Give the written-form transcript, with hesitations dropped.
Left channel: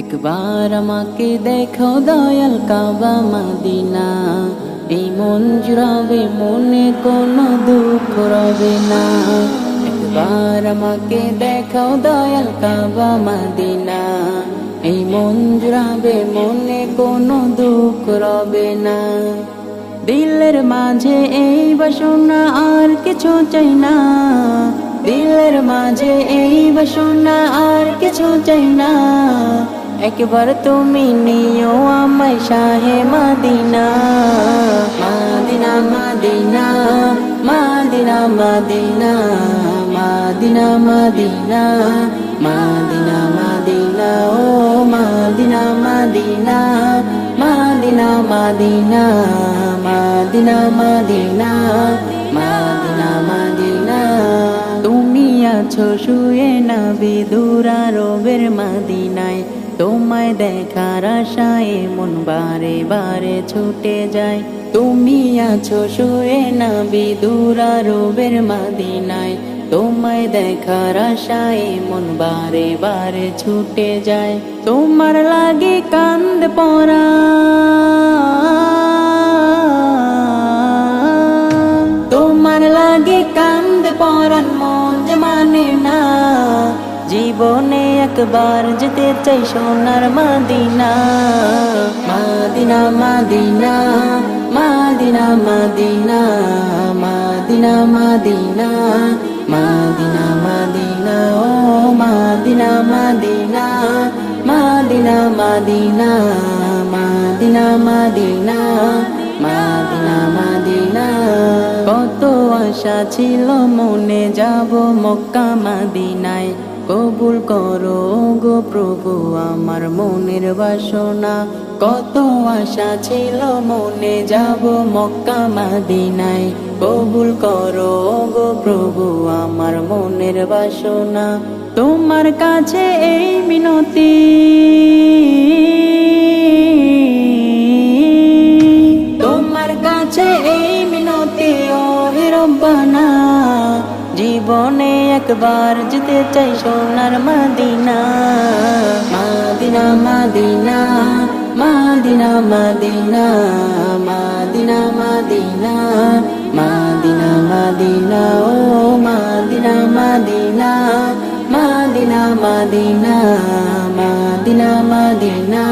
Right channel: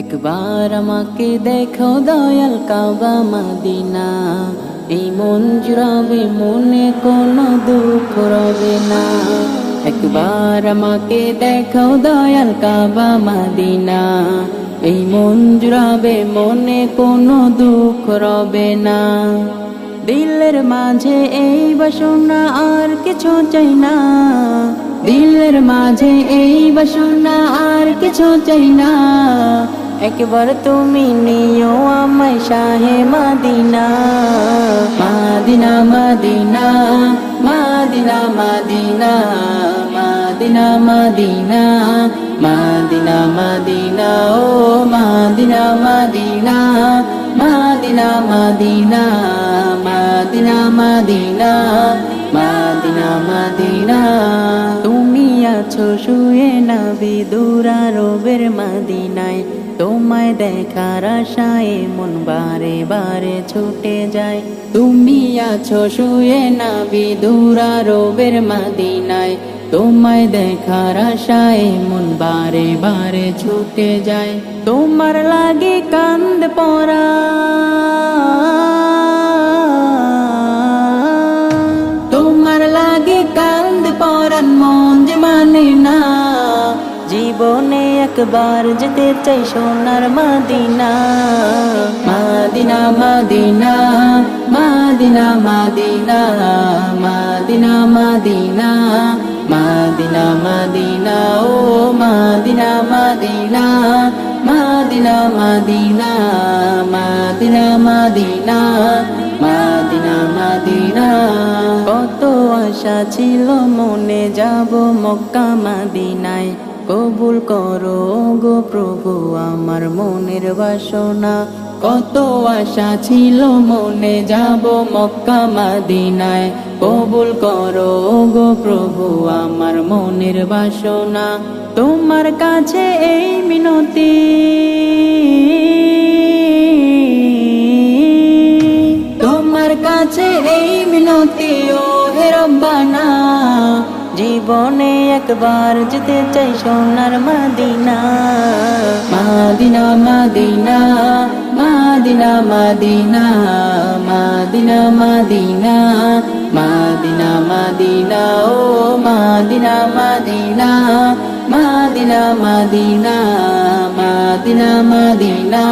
একবার আমাকে দেখো দয়াল কাবা মদিনা, এই মন জুড়াবে মনে কোনো দুঃখ রবে না। একবার আমাকে দেখো দয়াল কাবা মদিনা, এই মন জুড়াবে মনে কোনো দুঃখ রবে না। দিলের মাঝে এই বাসনা আর কিছু চাই না, দিলের মাঝে এই বাসনা আর কিছু চাই না। একবার তুমি নিও আমায় শাহে Medina, Medina Medina Medina Medina Medina Medina Medina Medina ও Medina Medina Medina Medina Medina Medina Medina Medina. তুমি আছো শুয়ে নবী দুরারবের মদিনায়, তোমায় দেখার আশায় মন বারে বারে ছুটে যায়। তুমি আছো শুয়ে নবী দুরারবের মদিনায়, তোমায় দেখার আশায় মন বারে বারে ছুটে যায়। তোমার লাগে কান্দ পরা, তোমার লাগে কান্দ পরান মন যে মানে না। জীবনে একবার যেতে চাই সোনার Medina, Medina Medina Medina Medina Medina Medina Medina Medina ও Medina Medina Medina Medina Medina Medina Medina Medina. কত আশা ছিল মনে যাব মক্কা মদিনায়, কবুল করো গো প্রভু আমার মনের বাসনা। কত আশা ছিল মনে যাব মক্কা মদিনায়, কবুল করো গো প্রভু আমার মনের বাসনা। তোমার কাছে এই মিনতি, তোমার কাছে এই মিনতি ও হে রব্বানা। জীবনে একবার যেতে চাই সোনার Medina, Medina Medina Medina Medina Medina Medina Medina Medina ও Medina Medina Medina Medina Medina Medina